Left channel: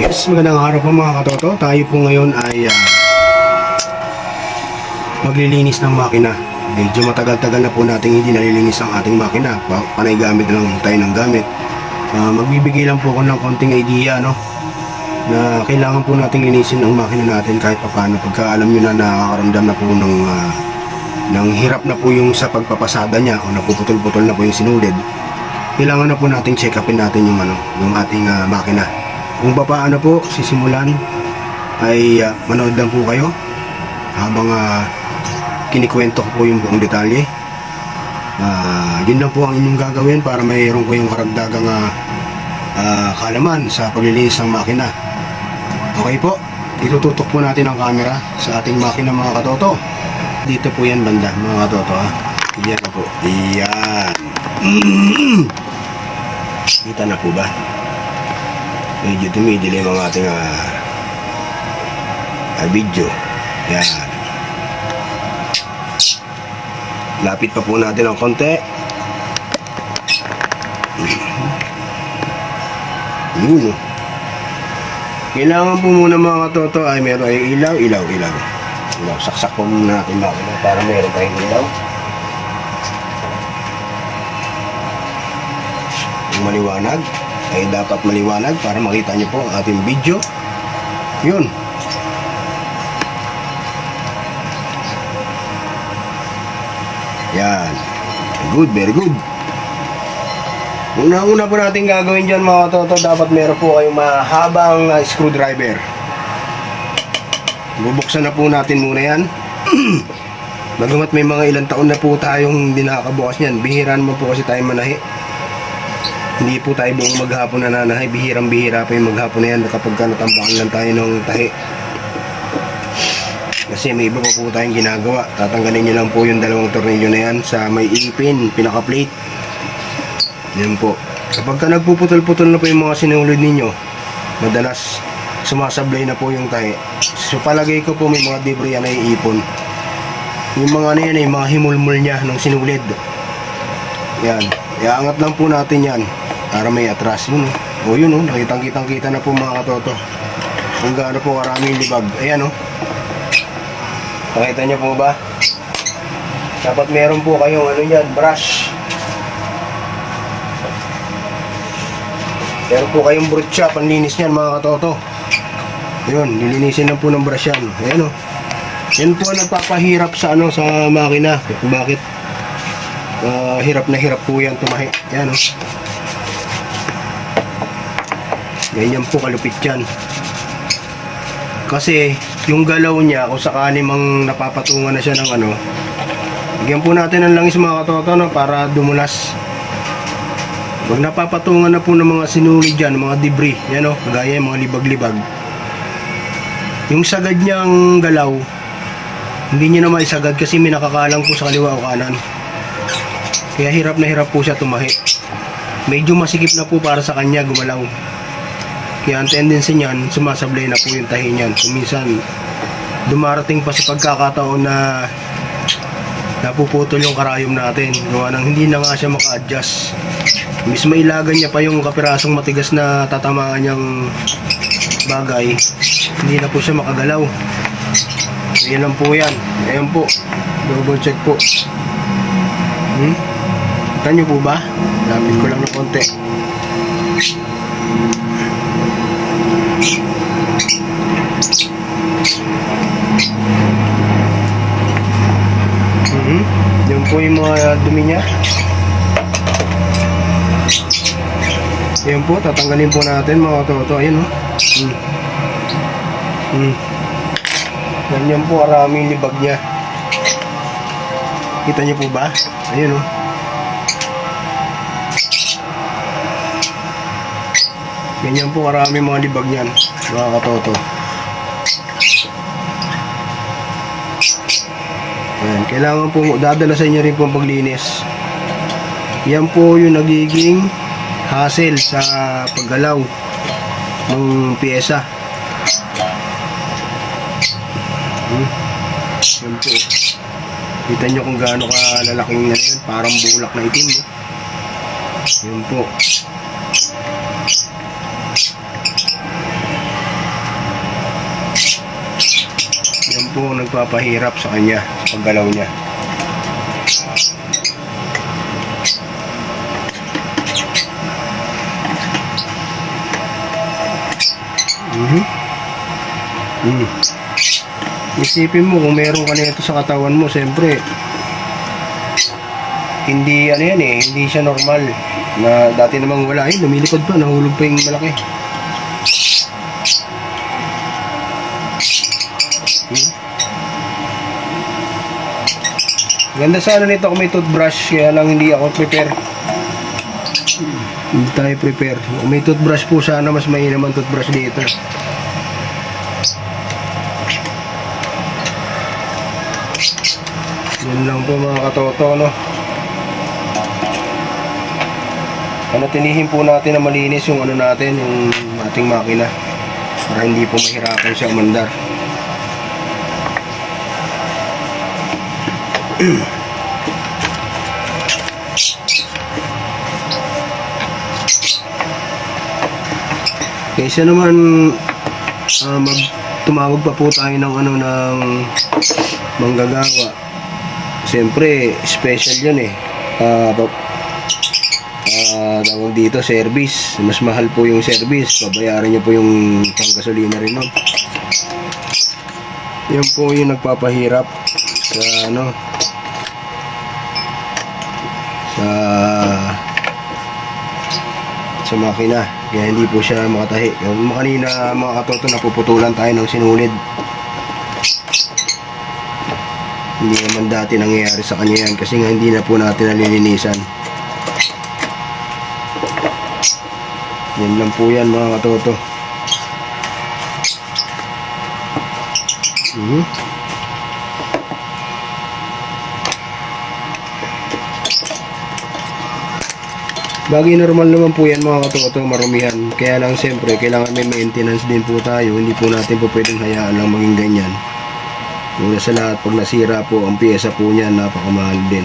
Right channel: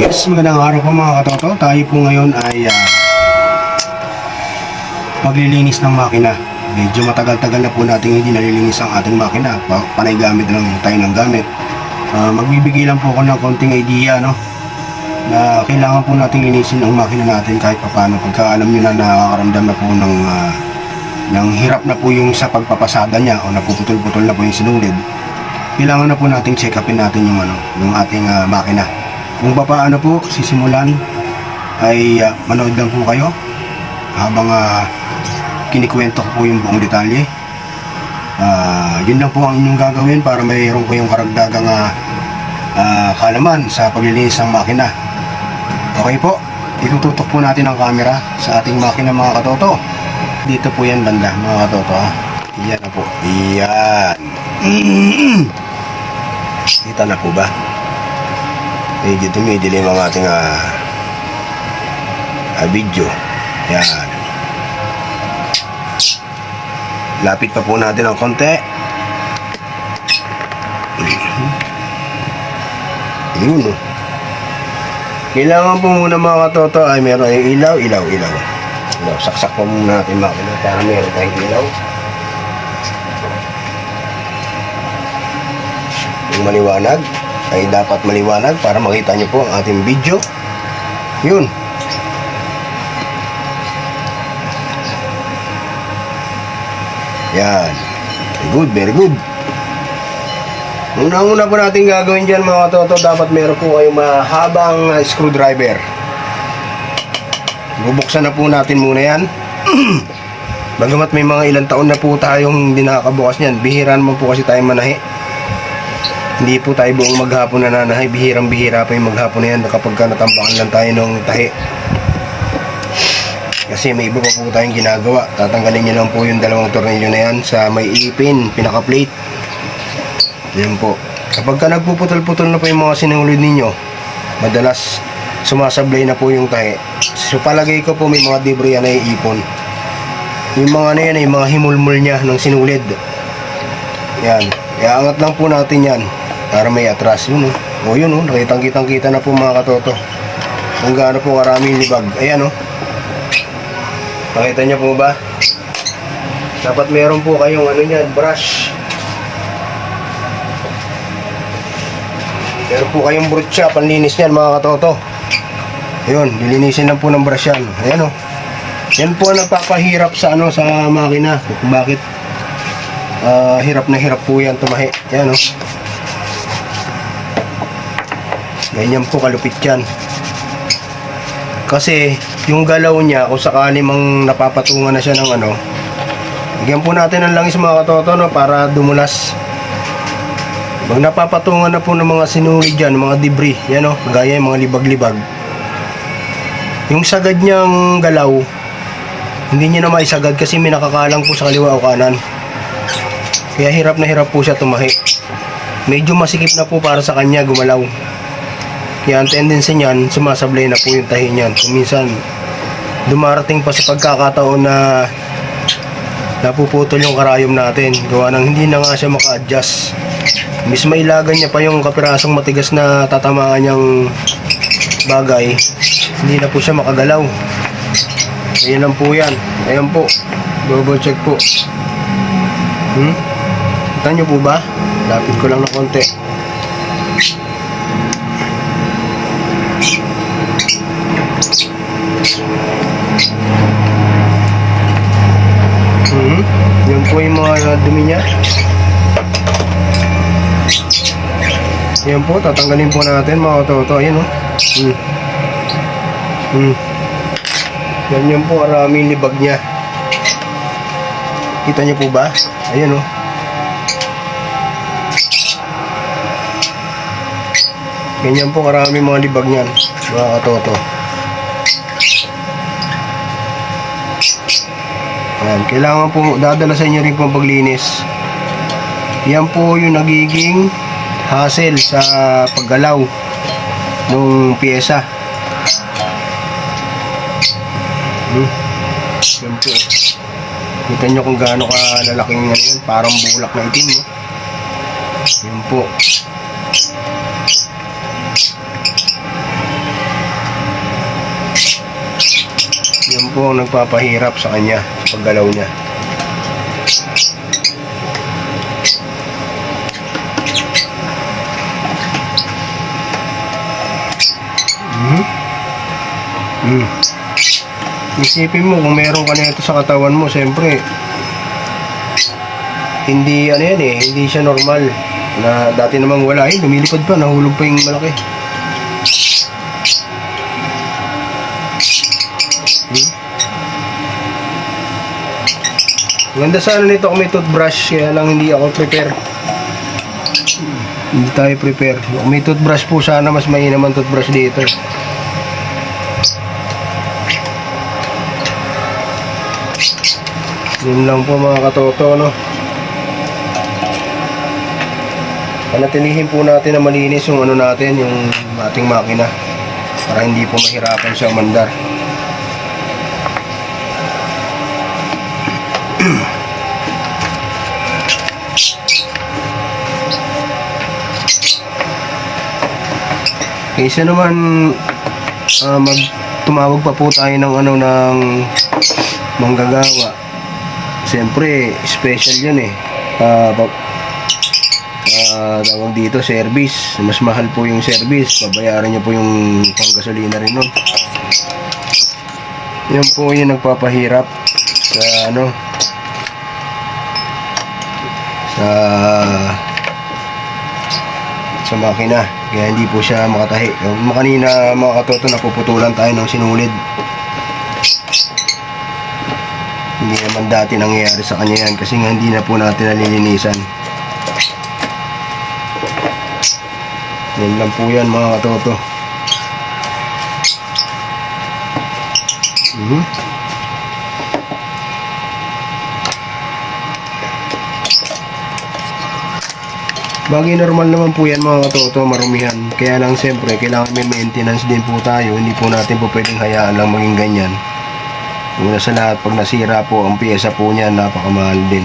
Yes, magandang araw po mga katoto. Tayo po ngayon ay ah, maglilinis ng makina. Medyo matagal-tagal na po natin hindi nalilinis ang ating makina. Pa panay gamit lang tayo ng gamit. Ah, magbibigay lang po ako ng konting idea no na kailangan po nating linisin ang makina natin kahit papaano pagka alam nyo na nakakaramdam na po ng ah, ng hirap na po yung sa pagpapasada niya o napuputol-putol na po yung sinulid kailangan na po nating check upin natin yung ano yung ating ah, makina kung pa paano po sisimulan ay ah, manood lang po kayo habang ah, kinikwento ko po yung buong detalye. Ah, yun lang po ang inyong gagawin para mayroon ko yung karagdagang ah, ah, kalaman sa paglilinis ng makina. Okay po itututok po natin ang camera sa ating makina mga katoto. Dito po yan banda mga katoto ha yan na po yan. Kita na po ba medyo tumidilim ang ating ah, ah, video. Yan. Lapit pa po natin ng konti. Yun. Kailangan po muna mga katoto ay meron yung ilaw ilaw ilaw. Ilaw saksak po muna natin makina para meron tayong ilaw. Yung maliwanag ay dapat maliwanag para makita nyo po ang ating video yun yan good very good Unang-una po natin gagawin dyan mga toto, dapat meron po kayong mahabang uh, screwdriver. Bubuksan na po natin muna yan. Bagamat may mga ilang taon na po tayong hindi nakakabukas niyan, bihira naman po kasi tayo manahi. Hindi po tayo buong maghapon na nanahi, bihirang bihira pa yung maghapon na yan kapag ka natambakan lang tayo ng tahi. Kasi may iba pa po tayong ginagawa. Tatanggalin nyo lang po yung dalawang tornilyo na yan sa may ipin, pinaka-plate. Yan po. Kapag ka nagpuputol-putol na po yung mga sinulid ninyo, madalas sumasablay na po yung tahi. So palagay ko po may mga debris yan na iipon. Yung mga na yan, yung mga himulmul niya ng sinulid. Yan. Iaangat lang po natin yan para may atras. Yun oh. O yun oh, nakitang kitang kita na po mga katoto. Kung gaano po karaming libag. Ayan oh. Nakita niyo po ba? Dapat meron po kayong ano yan, brush. Meron po kayong brutya, panlinis niyan mga katoto. Yun, lilinisin lang po ng brush yan. Ayan o. Yan po ang nagpapahirap sa ano sa makina. Bakit ah, hirap na hirap po yan tumahi. Ayan o. Ganyan po kalupit yan. Kasi yung galaw niya, kung sakali mang napapatungan na siya ng ano, bigyan po natin ng langis mga katoto no, para dumulas. Pag napapatungan na po ng mga sinulid dyan, mga debris, yan o, gaya yung mga libag-libag. Yung sagad niyang galaw, hindi niya na maisagad kasi may nakakalang po sa kaliwa o kanan. Kaya hirap na hirap po siya tumahi. Medyo masikip na po para sa kanya gumalaw. Kaya ang tendency niyan, sumasablay na po yung tahi niyan. Kung minsan, dumarating pa sa pagkakataon na napuputol yung karayom natin. Gawa ng hindi na nga siya maka-adjust. Miss mailagan niya pa yung kapirasong matigas na tatamaan niyang bagay. Hindi na po siya makagalaw. Ayan lang po yan. Ayan po. Double check po. Hmm? Kita niyo po ba? Lapit ko lang ng konti. Hmm? Yan po yung mga dumi niya. Yan po, tatanggalin po natin mga toto. Ayun o. Hmm. Hmm. Yan yan po, maraming libag niya. Kita niyo po ba? Ayun o. Ganyan po karami mga libag niyan, mga katoto. Yan, kailangan po dadala sa inyo rin po ang paglinis. Yan po yung nagiging hassle sa paggalaw ng pyesa. Hmm. Yan po. Kita nyo kung gaano kalalaking ano parang bulak na itim. No? Yan po. Po ang nagpapahirap sa kanya paggalaw niya. Mhm. Mm. Isipin mo kung meron ka nito sa katawan mo, siyempre hindi ano yan eh, hindi siya normal. Na dati namang wala eh, lumilipad pa, nahulog pa yung malaki. Ganda sana nito kung may toothbrush, kaya lang hindi ako prepare. Hindi tayo prepare. Kung may toothbrush po sana, mas mainam ang toothbrush dito. Yun lang po mga katoto, no? Panatilihin po natin na malinis yung ano natin, yung ating makina. Para hindi po mahirapan siya umandar. Kaysa naman ah, mag tumawag pa po tayo ng ano ng manggagawa. Siyempre, special yun eh. Ah, pag tawag dito, service. Mas mahal po yung service. Babayaran niyo po yung panggasolina rin nun. Yan po yung nagpapahirap sa ano sa sa makina. Kaya hindi po siya makatahi. Yung Kanina mga katoto napuputulan tayo ng sinulid. Hindi naman dati nangyayari sa kanya yan kasi nga hindi na po natin nalilinisan. Yan lang po yan mga katoto. Mhm. Bagay normal naman po yan mga katoto, marumihan. Kaya lang siyempre, kailangan may maintenance din po tayo. Hindi po natin po pwedeng hayaan lang maging ganyan. Una sa lahat, pag nasira po ang pyesa po niya, napakamahal din.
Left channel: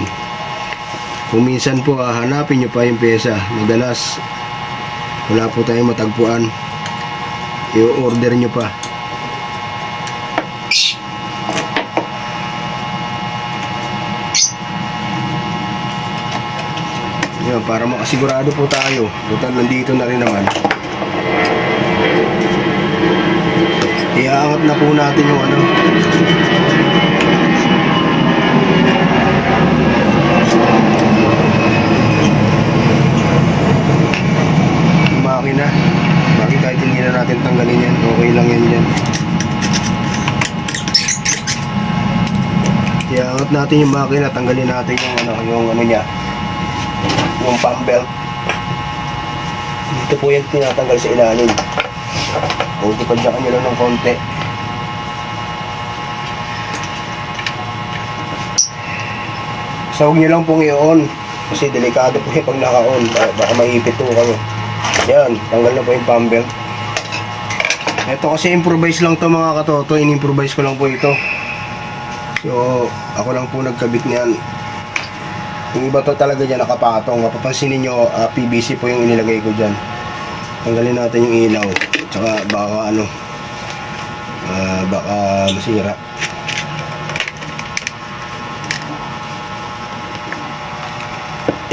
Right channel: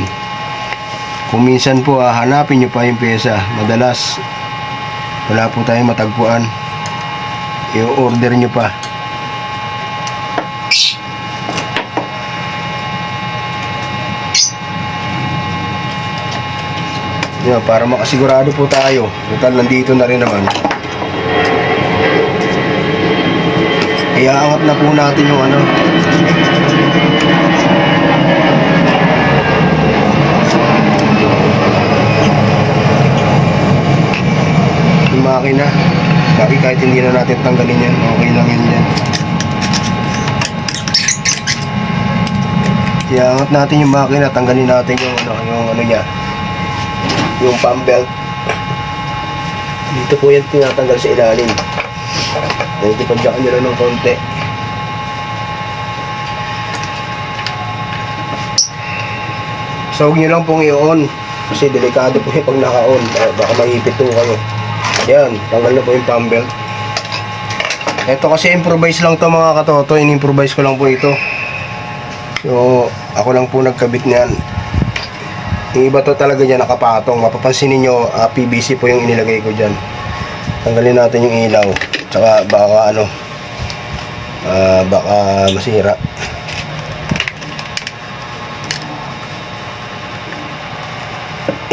Kung minsan po, ah, hanapin nyo pa yung pyesa. Madalas, wala po tayong matagpuan. I-order nyo pa. Yan, para makasigurado po tayo. Total, nandito na rin naman. Iaangat na po natin yung ano. Yung makina. Bakit kahit hindi na natin tanggalin yan, okay lang yun yan. Iaangat natin yung makina, tanggalin natin yung ano, yung ano niya, yung pump belt. Dito po yan tinatanggal sa ilalim. Dito padyakan nyo lang ng konti. So huwag nyo lang pong i-on. Kasi delikado po yung pag naka-on. Baka maipit po kayo. Yan, tanggal na po yung pump belt. Ito kasi improvise lang to mga katoto. In-improvise ko lang po ito. So, ako lang po nagkabit niyan. Yung iba to talaga dyan nakapatong. Mapapansin ninyo, ah, PVC po yung inilagay ko dyan. Tanggalin natin yung ilaw. Tsaka baka ano, ah, baka masira.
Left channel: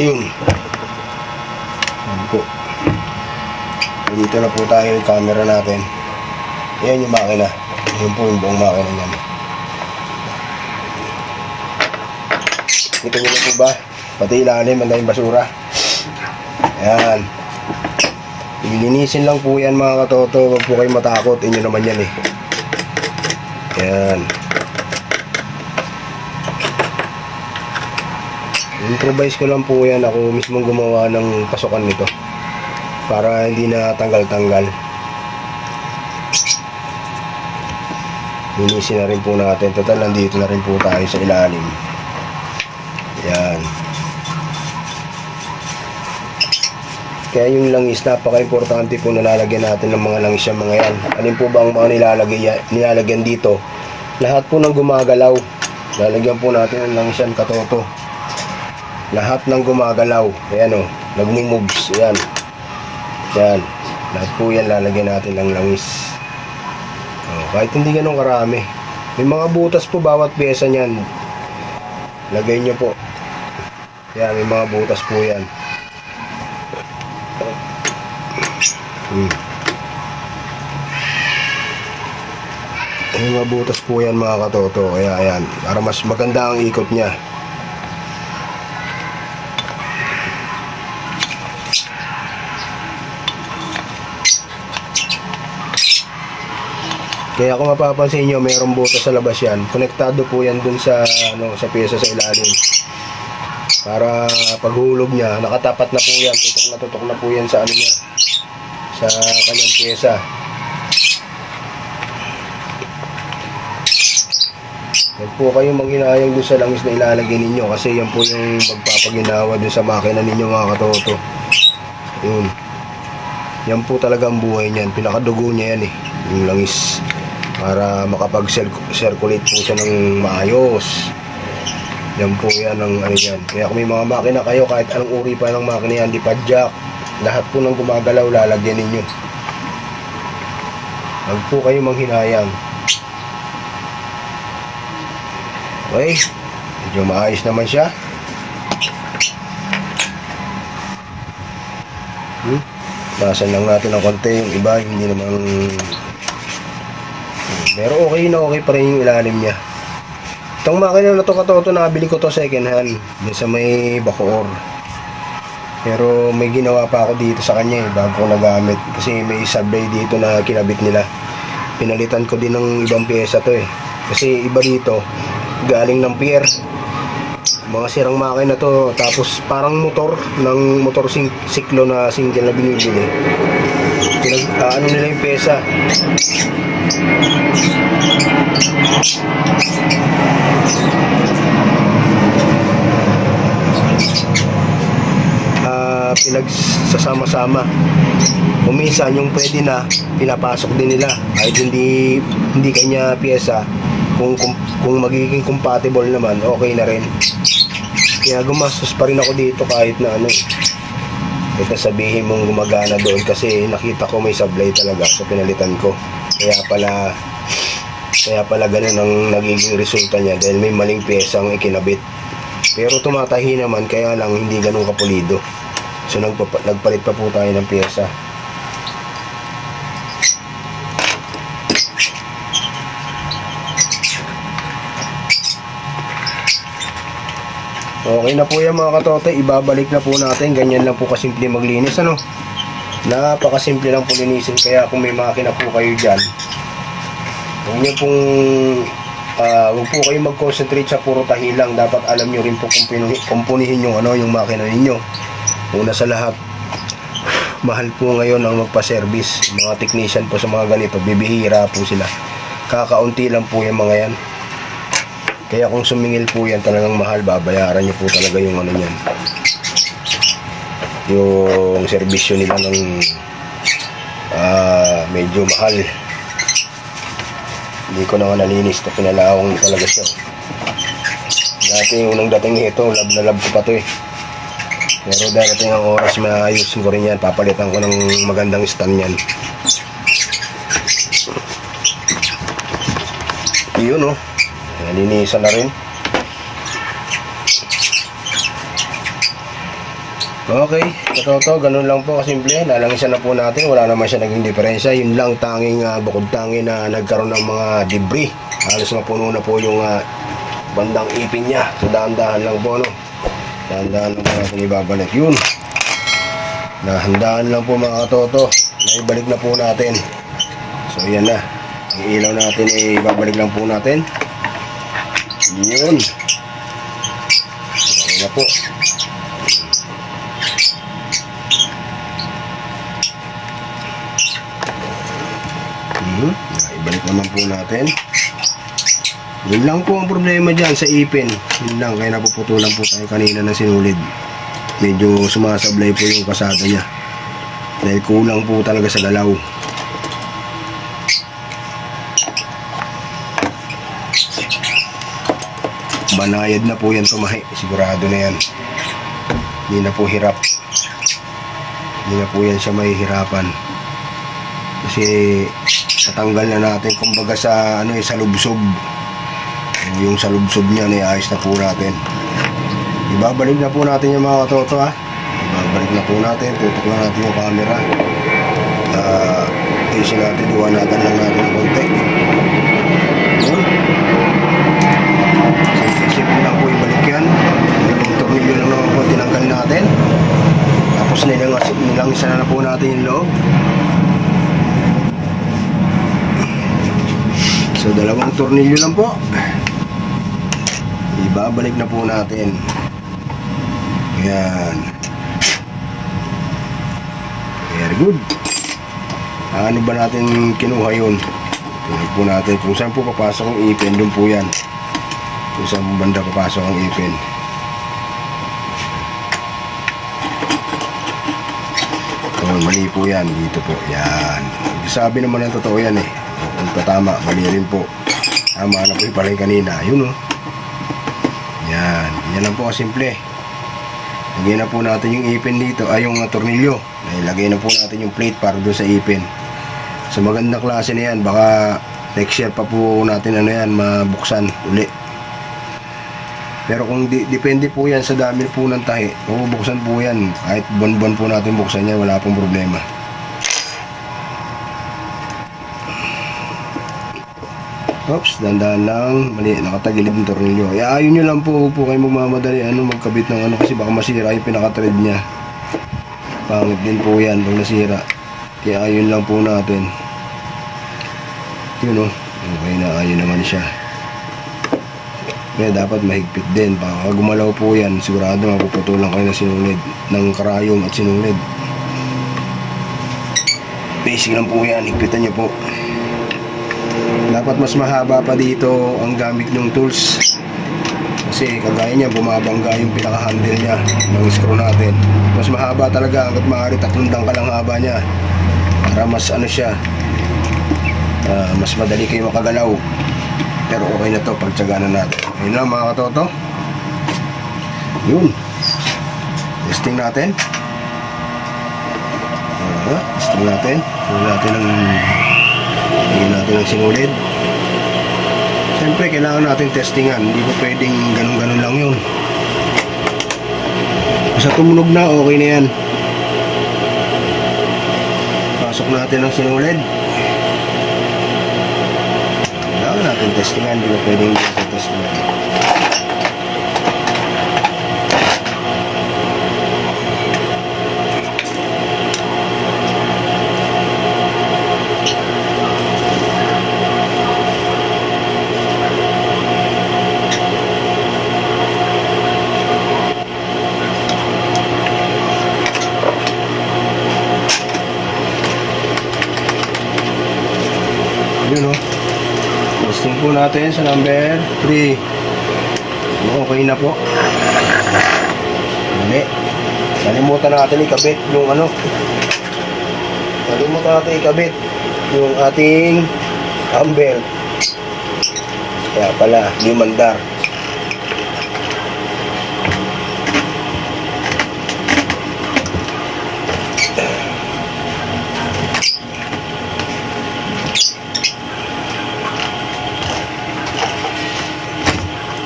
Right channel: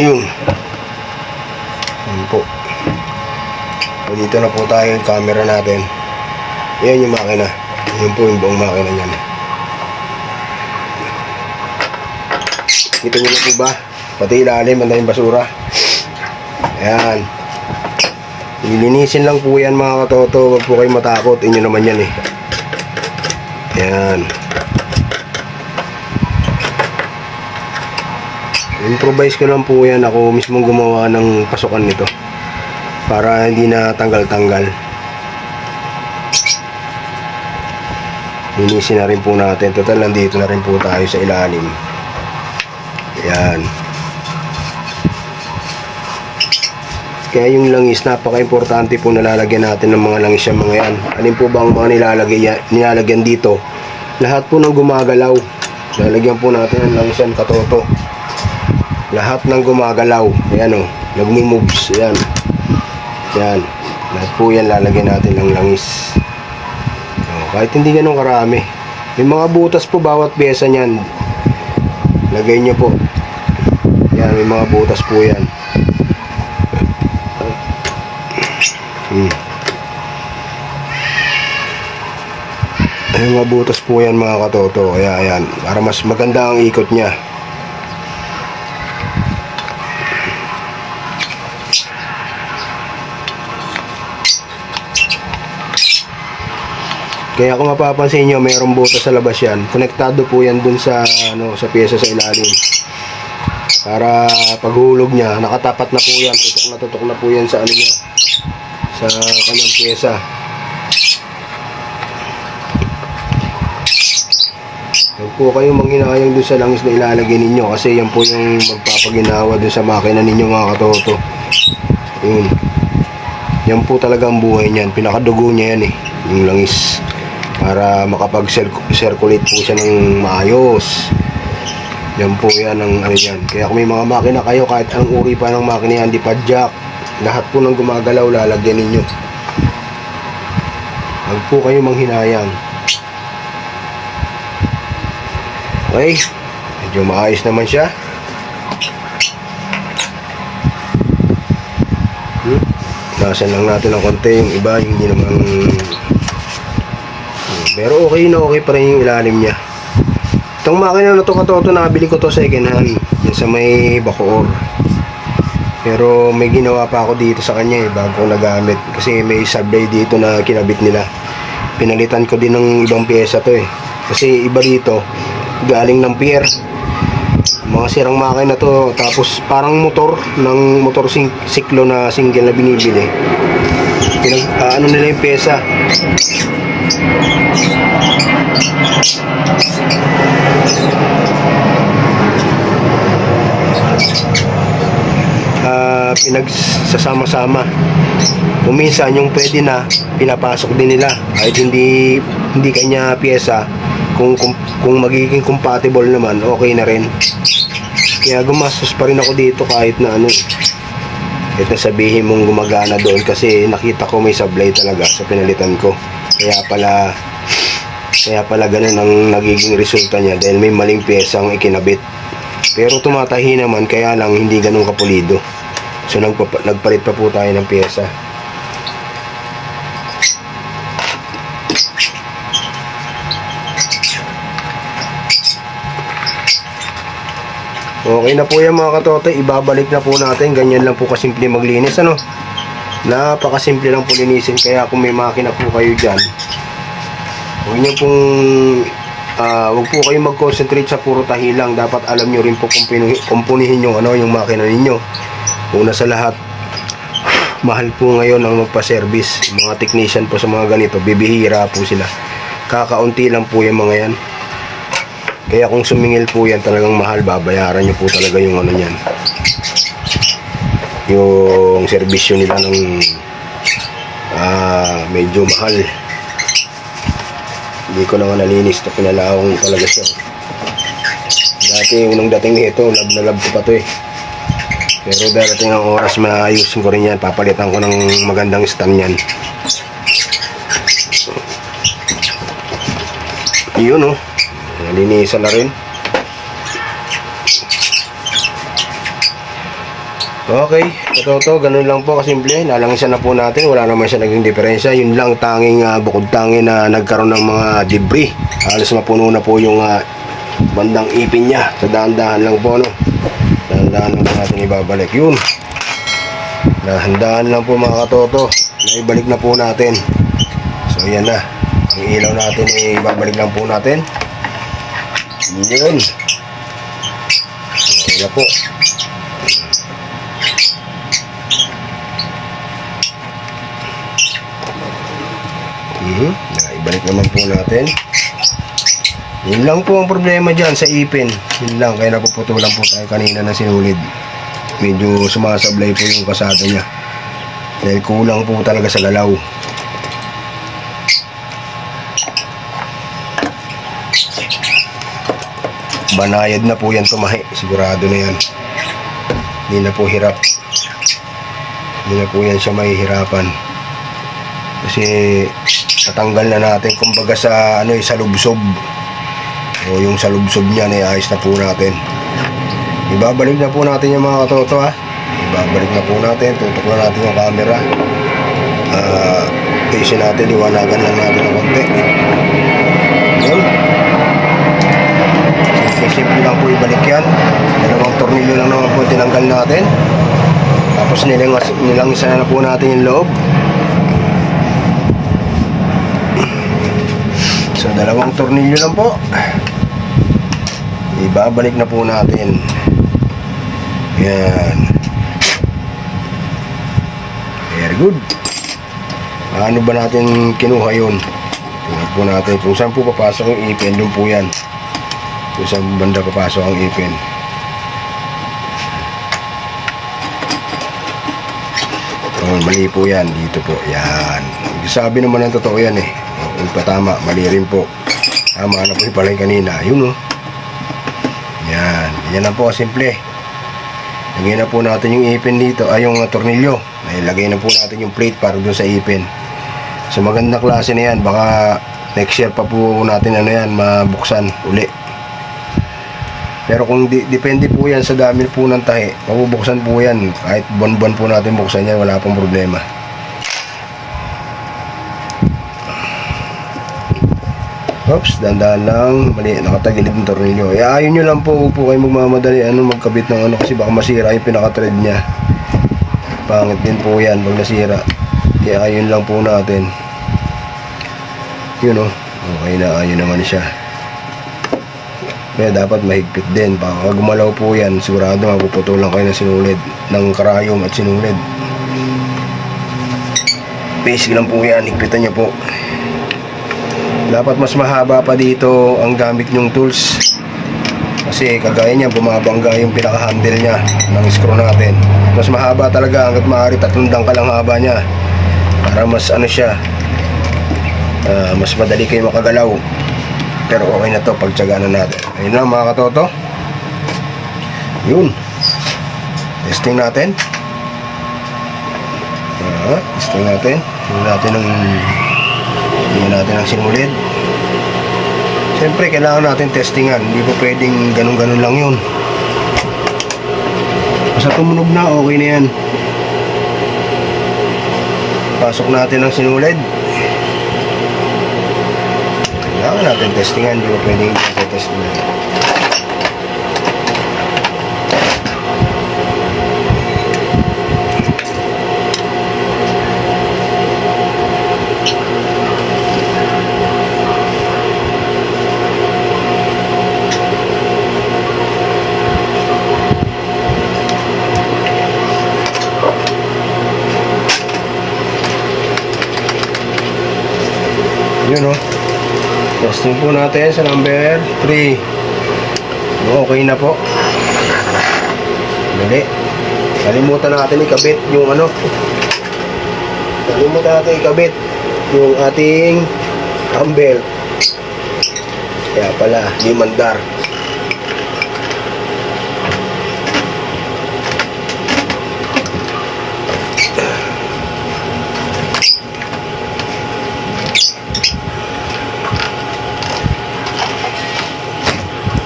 Yung. Yun po. So, dito na po tayo yung camera natin. Yan yung makina. Yun po yung buong makina niyan. Kita niyo na po ba? Pati ilalim, ang daming basura. Ayan. Lilinisin lang po yan mga katoto. Huwag po kayong matakot. Inyo naman yan eh. Ayan. Improvise ko lang po yan. Ako mismo gumawa ng pasukan nito. Para hindi na tanggal-tanggal. Linisin na rin po natin. Total, nandito na rin po tayo sa ilalim. Yan. Kaya yung langis, napaka-importante po nalalagyan natin ng mga langis yung mga yan. Alin po ba ang mga nilalagay, nilalagyan dito? Lahat po ng gumagalaw. Lalagyan po natin ng langis yan, katoto. Lahat ng gumagalaw. Ayan o, nagmi-moves. Ayan. Yan. Lahat po yan lalagyan natin ng langis. O, kahit hindi ganun karami. May mga butas po bawat pyesa niyan. Lagay niyo po. Yan, may mga butas po yan. Hmm. May mga butas po yan mga katoto. Kaya ayan, para mas maganda ang ikot niya. Kaya kung mapapansin nyo, mayroong butas sa labas yan. Konektado po yan dun sa, ano, sa pyesa sa ilalim. Para paghulog niya, nakatapat na po yan. Tutok na tutok na po yan sa ano niya. Sa kanyang pyesa. Huwag po kayong manghinayang dun sa langis na ilalagay ninyo kasi yan po yung magpapaginawa dun sa makina ninyo mga katoto. Yun. Yan po talaga ang buhay niyan. Pinakadugo niya yan eh. Yung langis. Para makapag-circulate po siya ng maayos. Yan po yan ang ano yan. Kaya kung may mga makina kayo, kahit anong uri pa ng makina yan, di pa jack. Lahat po ng gumagalaw, lalagyan ninyo. Huwag po kayo manghinayang. Okay. Medyo maayos naman siya. Hmm? Basan lang natin ng konti. Yung iba, hindi naman... Hmm. Pero okay na okay pa rin yung ilalim niya. Itong makina na to katoto, nabili ko to second hand. Yung sa may Bacoor. Pero may ginawa pa ako dito sa kanya eh, bago ko nagamit. Kasi may sablay dito na kinabit nila. Pinalitan ko din ng ibang pyesa to eh. Kasi iba dito, galing ng pier. Mga sirang makina to, tapos parang motor ng motor sing siklo na single na binibili. Pinag, ah, ano nila yung pyesa. Pinagsasama-sama. Kuminsan yung pwede na pinapasok din nila kahit hindi hindi kanya piyesa kung, kung kung magiging compatible naman okay na rin. Kaya gumastos pa rin ako dito kahit na ano na sabihin mong gumagana doon kasi nakita ko may sablay talaga sa pinalitan ko. Kaya pala kaya pala ganun ang nagiging resulta niya dahil may maling piyesang ikinabit. Pero tumatahi naman kaya lang hindi ganun kapulido. So nagpa- nagpalit pa po tayo ng pyesa. Okay na po yan mga katote, ibabalik na po natin. Ganyan lang po kasimple maglinis ano. Napakasimple lang po linisin kaya kung may makina po kayo dyan, huwag niyo pong ah, huwag po kayong mag-concentrate sa puro tahi lang. Dapat alam niyo rin po kung pinuhi- kumpunihin yung ano, yung makina ninyo. Una sa lahat, mahal po ngayon ang magpa-service. Mga technician po sa mga ganito, bibihira po sila. Kakaunti lang po yung mga yan. Kaya kung sumingil po yan talagang mahal, babayaran niyo po talaga yung ano niyan. Yung serbisyo nila ng ah, medyo mahal. Hindi ko na nga nalinis to, pinalaong talaga siya. Dati, unang dating nito, lab na lab ko pa to eh. Pero darating ang oras, maayusin ko rin yan. Papalitan ko ng magandang stand yan. Yun oh. Nalinisan na rin. Okay, ito to, ganun lang po kasimple. Nalangisan na po natin, wala naman siya naging diferensya. Yun lang tanging uh, bukod tanging na nagkaroon ng mga debris. Halos napuno na po yung ah, bandang ipin niya. Sa dahan-dahan lang po, no? Dahan-dahan lang natin ibabalik. Yun. Nahandaan lang po mga katoto. Naibalik na po natin. So, yan na. Ang ilaw natin ay ibabalik lang po natin. Yun. Okay na po. Mhm. Ibalik naman po natin. Yun lang po ang problema dyan sa ipin. Yun lang, kaya napuputulan po tayo kanina ng sinulid. Medyo sumasablay po yung kasada niya. Dahil kulang po talaga sa galaw. Banayad na po yan tumahi. Sigurado na yan. Hindi na po hirap. Hindi na po yan siya mahihirapan. Kasi natanggal na natin kumbaga sa ano eh, sa lubsob O yung sa lubsob niya, ayos na po natin. Ibabalik na po natin yung mga katoto ha. Ibabalik na po natin. Tutok na natin yung camera. Ah, uh, natin, iwanagan lang natin ng konti. Yun. Simple lang po ibalik yan. Dalawang tornilyo lang naman po tinanggal natin. Tapos nilang, nilangisa na po natin yung loob. So dalawang tornilyo lang po. Ibabalik na po natin. Yan. Very good. Ano ba natin kinuha yun? Tingnan po natin kung saan po papasok ang ipin. Doon po yan. Kung saan banda papasok ang ipin. Oh, mali po yan. Dito po. Yan. Sabi naman ng totoo yan eh. Kung patama, mali rin po. Tama na po yung pala kanina. Yun oh. Yan. Lang po simple. Lagyan na po natin yung ipin dito. Ay, yung tornilyo. Lagay na po natin yung plate para dun sa ipin. Sa magandang klase na yan, baka next year pa po natin ano yan, mabuksan uli. Pero kung di, depende po yan sa dami po ng tahi, mabubuksan po yan. Kahit buwan-buwan po natin buksan yan, wala pong problema. Oops, dandan lang. Mali, nakatagilid ng tornilyo. Eh, ayaw nyo lang po, po kayo magmamadali ano, magkabit ng ano kasi baka masira yung pinaka-thread niya. Pangit din po yan pag nasira. Ayun lang po natin. Yun o. Okay na, ayun naman siya. Kaya dapat mahigpit din. Baka gumalaw po yan, sigurado mapuputulan kayo ng sinulid. Ng karayom at sinulid. Basic lang po yan, higpitan niyo po. Dapat mas mahaba pa dito ang gamit nyong tools. Kasi kagaya niya, bumabangga yung pinaka-handle niya ng screw natin. Mas mahaba talaga hanggat maaari tatlong dangkal ang haba niya. Para mas ano siya, ah, mas madali kayo makagalaw. Pero okay na to pag tiyaganan natin. Yun lang mga katoto. Yun. Testing natin. Ah, testing natin. Tingnan natin ang tingnan natin ang sinulid. Siyempre, kailangan natin testingan. Hindi pa pwedeng ganun-ganun lang yun. Basta tumunog na, okay na yan. Pasok natin ang sinulid. Kailangan natin testingan. Hindi pa pwedeng testingan. Testing po natin sa number 3. Okay na po. Dali. Kalimutan natin ikabit yung ano. Kalimutan natin ikabit yung ating humber. Kaya pala, yung mandar.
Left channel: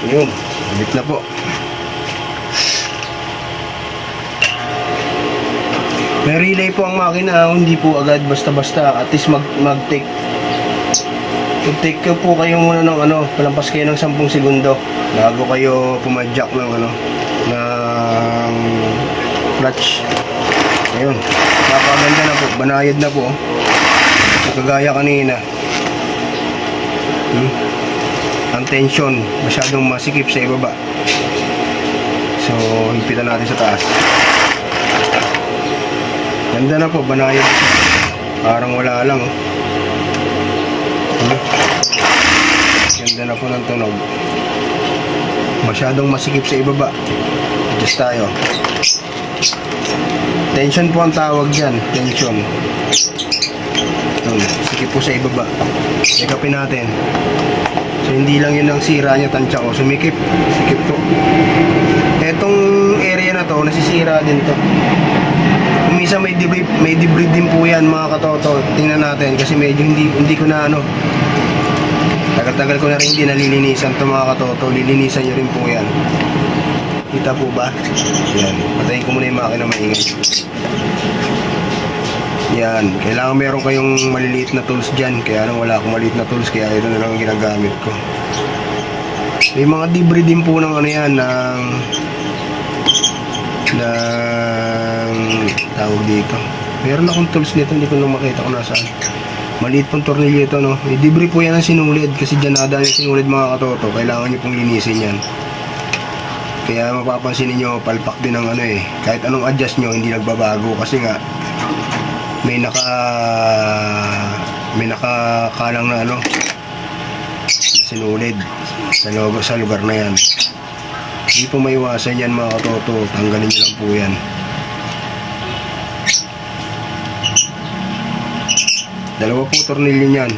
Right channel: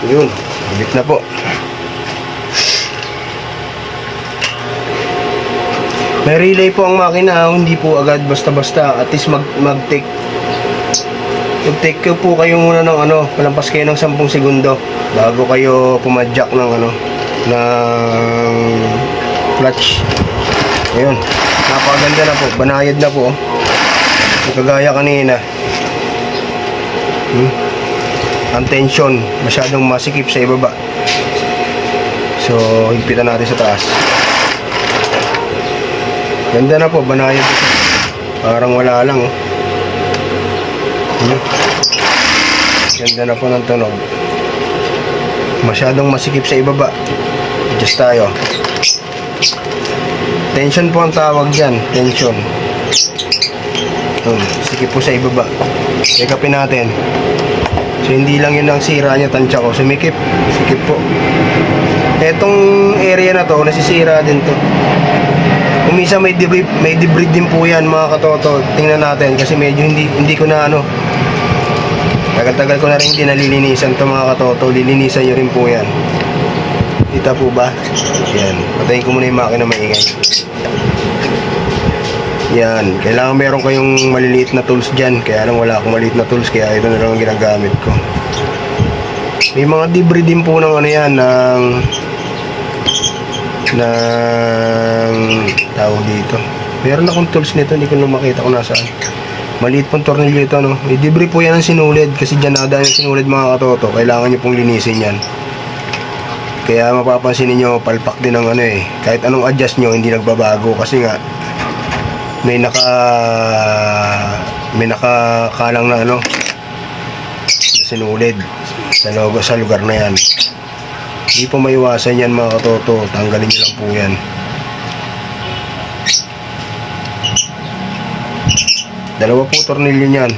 Yun, ulit na po. May relay po ang makina, hindi po agad basta-basta. At least mag, mag-take mag-take po kayo muna ng ano, palampas kayo ng 10 segundo bago kayo pumadyak ng ano, ng clutch. Ayun, napakaganda na po, banayad na po. Kagaya kanina. Hmm ang tension masyadong masikip sa ibaba. So higpitan natin sa taas. Ganda na po banayad. Parang wala lang oh. Ganda na po ng tunog. Masyadong masikip sa ibaba. Adjust tayo. Tension po ang tawag dyan. Tension. Hmm, sikip po sa ibaba. Check upin natin So hindi lang yun ang sira niya tansya ko. Sumikip. Sikip po. Etong area na to, nasisira din to. Kung minsan may debris, may debris din po yan mga katoto. Tingnan natin kasi medyo hindi hindi ko na ano Tagal-tagal ko na rin hindi nalilinisan ito mga katoto. Lilinisan nyo rin po yan. Kita po ba? Yan. Patayin ko muna yung makina maingay. Yan. Kailangan meron kayong maliliit na tools dyan. Kaya lang wala akong maliliit na tools. Kaya ito na lang ang ginagamit ko. May mga debris din po ng ano yan. Ng... ng tawag dito. Meron akong tools nito. Hindi ko lang makita kung nasaan. Maliit pong tornilyo ito, no? May debris po yan ang sinulid kasi dyan nadaan yung sinulid mga katoto. Kailangan nyo pong linisin yan. Kaya mapapansin niyo palpak din ng ano eh. Kahit anong adjust nyo, hindi nagbabago kasi nga may naka may nakakalang na ano na sinulid sa logo sa lugar na yan. Hindi po maiwasan yan mga katoto. Tanggalin nyo lang po yan. Dalawa po tornilyo niyan.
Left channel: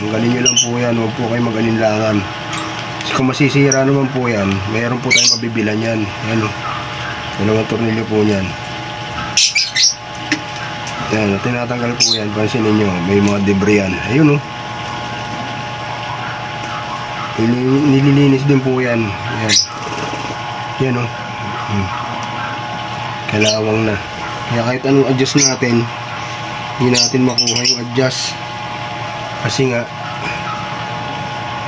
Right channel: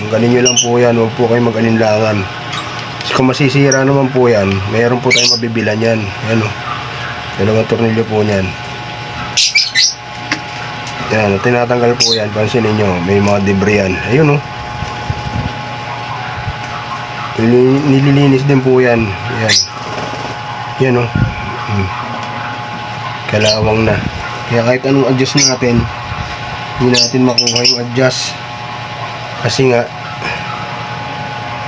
Tanggalin nyo lang po yan. Huwag po kayo mag-alinlangan. Kung masisira naman po yan, mayroon po tayong mabibilan yan. Yan o. Dalawang tornilyo po niyan. Yan, tinatanggal po yan. Pansin ninyo, may mga debris yan. Ayun o. Nili- Nililinis din po yan. Yan. Yan o. Hmm. Kalawang na. Kaya kahit anong adjust natin, hindi natin makuha yung adjust. Kasi nga,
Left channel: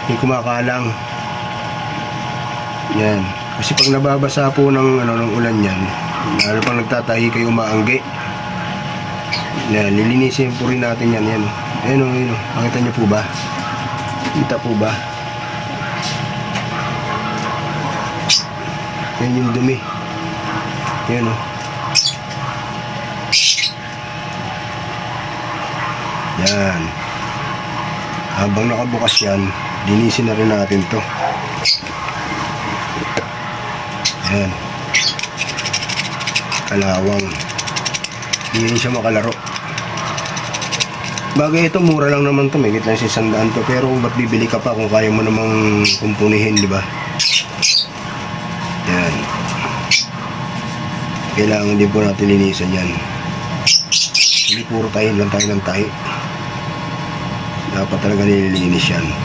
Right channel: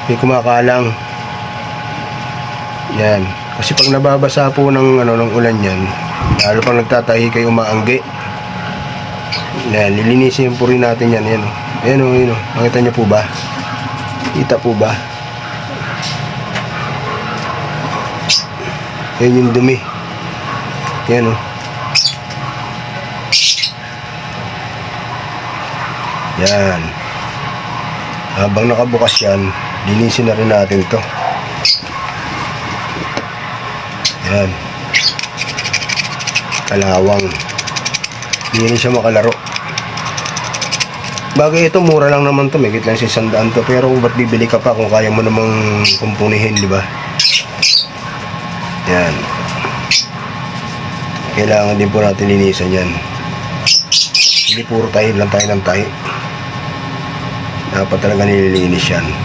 may kumakalang. Yan. Kasi pag nababasa po ng, ano, ng ulan yan, lalo pang nagtatahi kayo maanggi. Yan, lilinisin po rin natin yan. Yan. Ayan o, yun o. Makita niyo po ba? Kita po ba? Yan yung dumi. Yan o. Yan. Habang nakabukas yan, linisin na rin natin to. Yan. Kalawang. Hindi rin siya makalaro. Bagay ito, mura lang naman to. May lang sa sandaan to. Pero ba't bibili ka pa kung kaya mo namang kumpunihin, di ba? Yan. Kailangan din po natin linisan yan. Hindi puro tayo lang tayo ng tayo. Dapat talaga nililinis yan.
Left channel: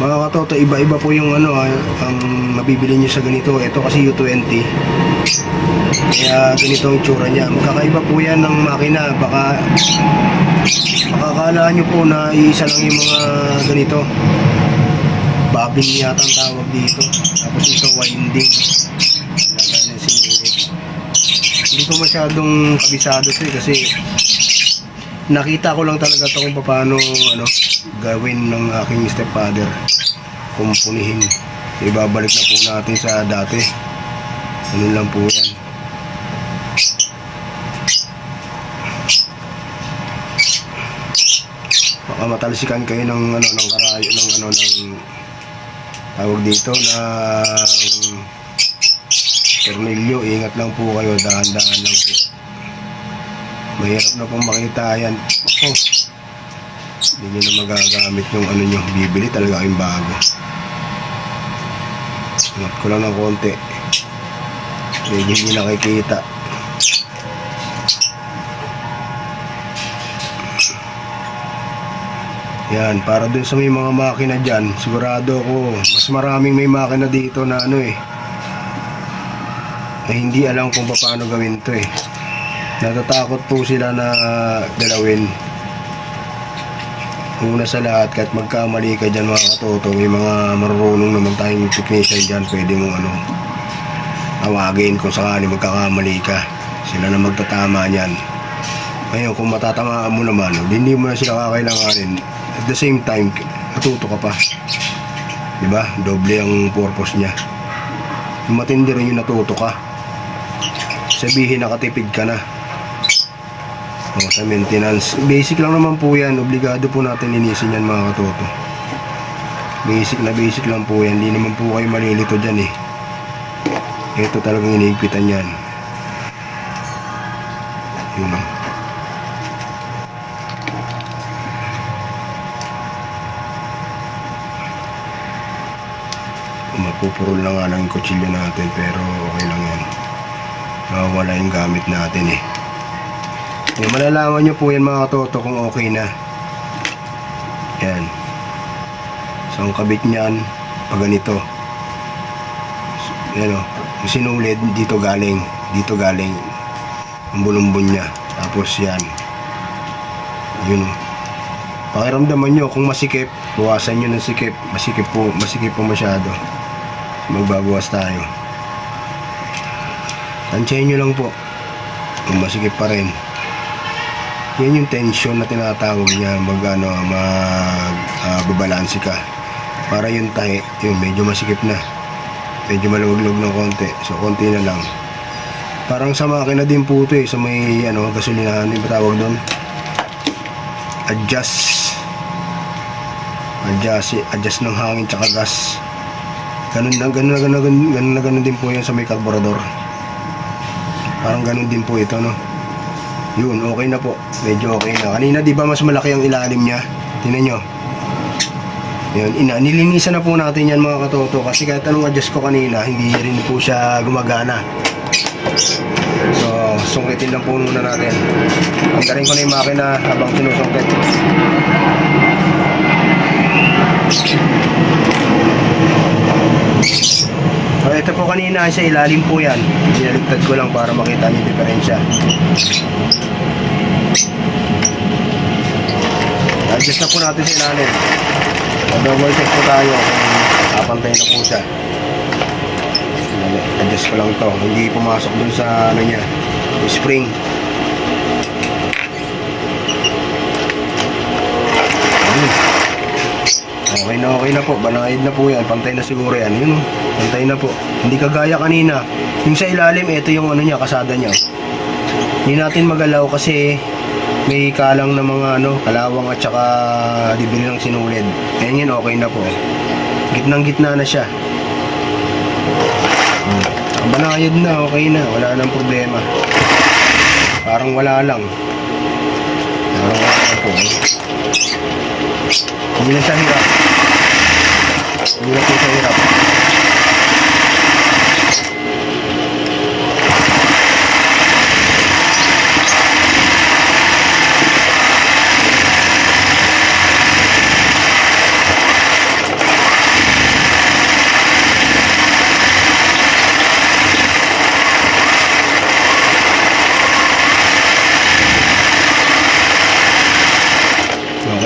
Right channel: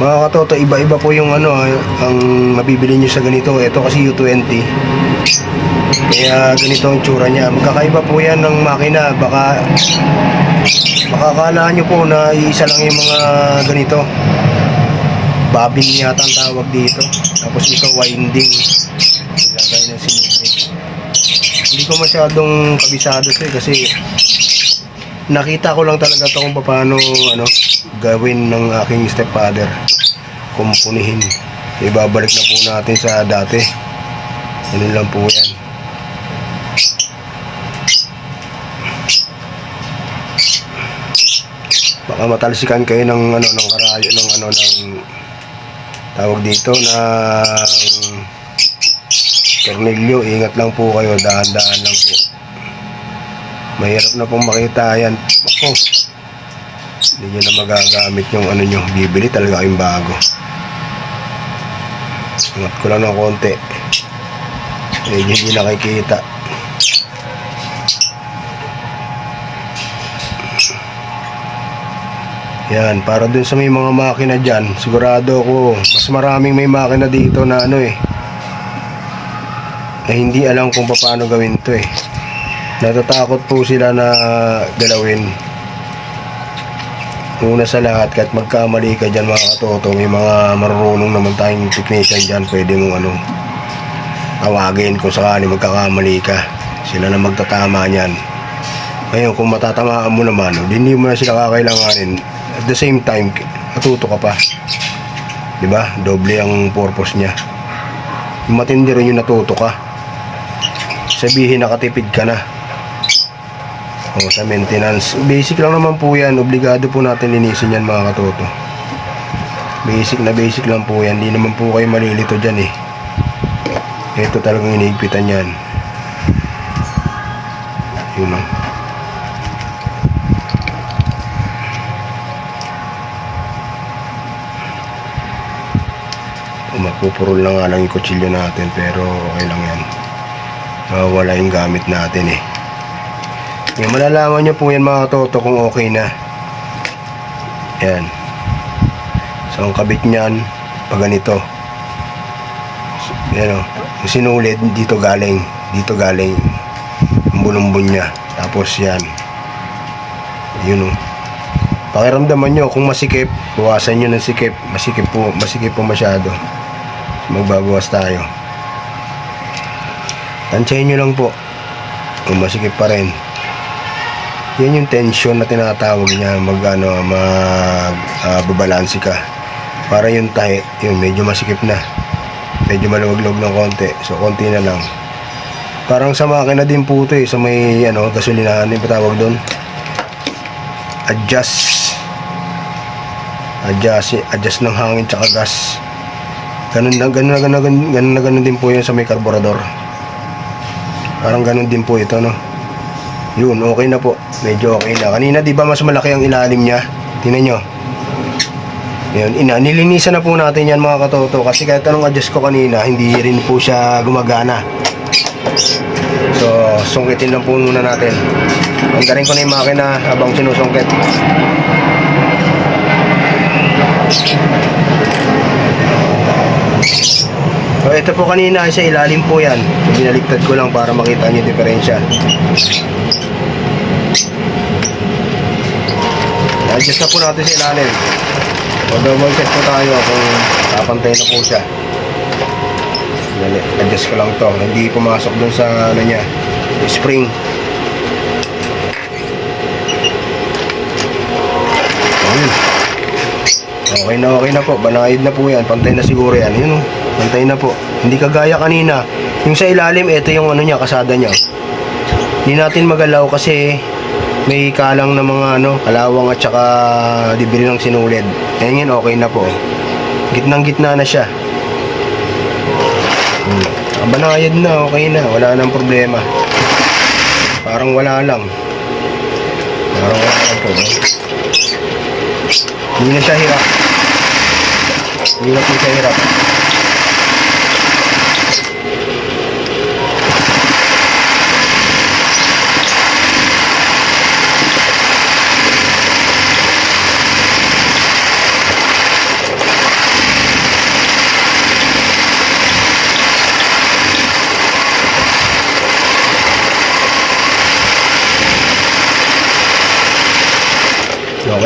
Mga katoto, iba-iba po yung ano, ah, ang mabibili nyo sa ganito. Ito kasi U20. Kaya ganito ang tsura niya. Magkakaiba po yan ng makina. Baka, akala nyo po na isa lang yung mga ganito. Babin yata ang tawag dito. Tapos ito winding. Lagay ng sinunod. Hindi ko masyadong kabisado to eh, kasi nakita ko lang talaga to kung paano ano, gawin ng aking stepfather. Kumpunihin. Ibabalik na po natin sa dati. Ganun lang po yan. Baka matalsikan kayo ng ano ng karayo ng ano ng tawag dito na tornilyo. Ingat lang po kayo, dahan-dahan lang po. Mahirap na pong makita yan. Ako, hindi nyo na magagamit yung ano nyo. Bibili talaga kayong bago. Ingat ko lang ng konti. Hindi nakikita. Yan, para dun sa may mga makina dyan, sigurado ako, mas maraming may makina dito na ano eh, na hindi alam kung paano gawin to eh. Natatakot po sila na galawin. Una sa lahat, kahit magkamali ka dyan mga katoto, may mga marunong naman tayong technician dyan, pwede mong ano, tawagin kung sakali magkakamali ka. Sila na magtatama niyan. Ngayon, kung matatamaan mo naman, hindi mo na sila kakailanganin. At the same time, natuto ka pa. Di ba? Doble ang purpose niya. Matindi rin yung natuto ka. Sabihin nakatipid ka na. O, sa maintenance. Basic lang naman po yan. Obligado po natin linisin yan mga katoto. Basic na basic lang po yan. Hindi naman po kayo malilito dyan eh. Ito talagang inigpitan yan. Yun lang. Mapupurol na nga lang yung kutsilyo natin pero okay lang yan. Mawawala yung gamit natin eh. Yung malalaman nyo po yan mga toto kung okay na. Ayan. So, ang kabit niyan, pag ganito. So, Ayan o. Yung sinulid, dito galing. Dito galing. Ang bulumbon niya. Tapos yan. Yun o. Pakiramdaman nyo, kung masikip, buwasan nyo ng sikip. Masikip po, masikip po masyado. Magbabawas tayo. Tansyahin nyo lang po. Kung masikip pa rin. Yan yung tension na tinatawag niya mag ano, mag babalanse ka. Para yung tahi, yung medyo masikip na. Medyo maluwag-luwag ng konti. So konti na lang. Parang sa makina din po ito eh, sa may ano, gasolinahan din ba tawag doon? Adjust. Adjust, adjust ng hangin tsaka gas. Ganun na, ganun na, ganun, ganun, ganun ganun din po yun sa may karburador. Parang ganun din po ito, no? Yun, okay na po. Medyo okay na. Kanina, di ba mas malaki ang ilalim niya? Tingnan nyo. Yun, ina, nilinisan na po natin yan mga katoto. Kasi kahit anong adjust ko kanina, hindi rin po siya gumagana. So, sungkitin lang po muna natin. Andarin ko na yung makina habang sinusungkit. So, ito po kanina sa ilalim po yan. Binaligtad ko lang para makita niyo yung diferensya. Adjust na po natin sa ilalim. So, double check po tayo kung kapantay na po siya. Adjust ko lang to. Hindi pumasok dun sa ano niya, spring. Ayun. Okay na okay na po. Banayad na po yan. Pantay na siguro yan. Yun o. Pantay na po. Hindi kagaya kanina. Yung sa ilalim, ito yung ano niya, kasada niya. Hindi natin magalaw kasi may kalang na mga ano, kalawang at saka dibri ng sinulid. Ayun yan, okay na po. Gitnang gitna na siya. Hmm. Banayad na, okay na. Wala nang problema. Parang wala lang. Parang wala lang po. eh. Hindi na siya hirap. Hindi na po siya hirap.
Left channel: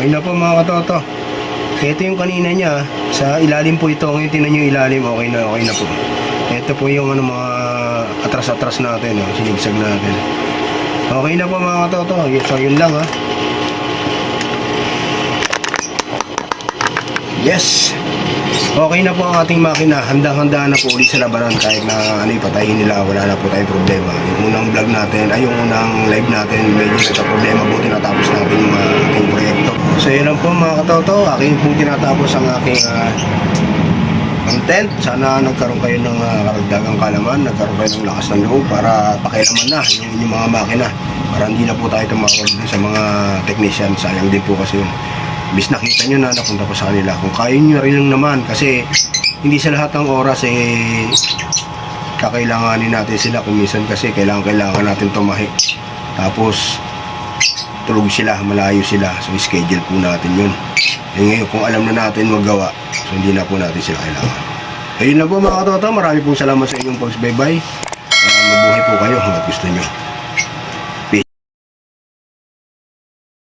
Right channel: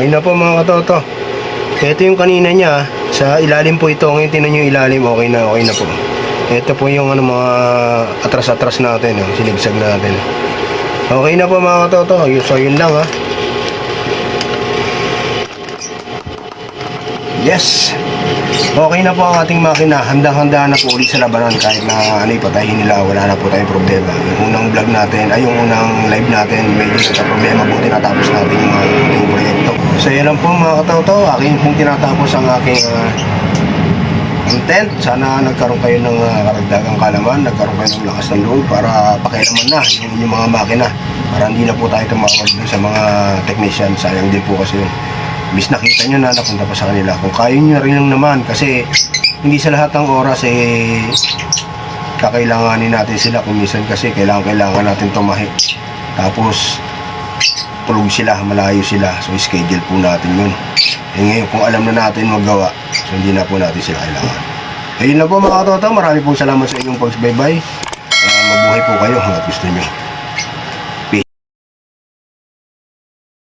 Okay na po mga katoto. Ito yung kanina niya. Sa ilalim po ito. Ngayon tinan yung ilalim. Okay na, okay na po. Ito po yung ano, mga atras-atras natin. Oh, sinigsag natin. Okay na po mga katoto. So yun lang ha. Yes! Okay na po ang ating makina. Handang-handa na po ulit sa labanan kahit na ano ipatayin nila. Wala na po tayong problema. Yung unang vlog natin, ay yung unang live natin, medyo sa problema buti natapos natin yung ating proyekto. So yan lang po mga katoto. Aking pong tinatapos ang aking ah, content. Sana nagkaroon kayo ng uh, karagdagang kalaman, nagkaroon kayo ng lakas ng loob para pakialaman na yung inyong mga makina. Para hindi na po tayo tumawag dun sa mga technician. Sayang din po kasi yun. Bis nakita nyo na napunta pa sa kanila. Kung kaya nyo rin lang naman kasi hindi sa lahat ng oras eh kakailanganin natin sila kung minsan kasi kailangan kailangan natin tumahi. Tapos tulog sila, malayo sila. So schedule po natin yun. Eh ngayon kung alam na natin magawa, so hindi na po natin sila kailangan. Ayun lang po mga katoto, marami pong salamat sa inyong pagsubaybay. Uh, mabuhay po kayo hanggat gusto nyo.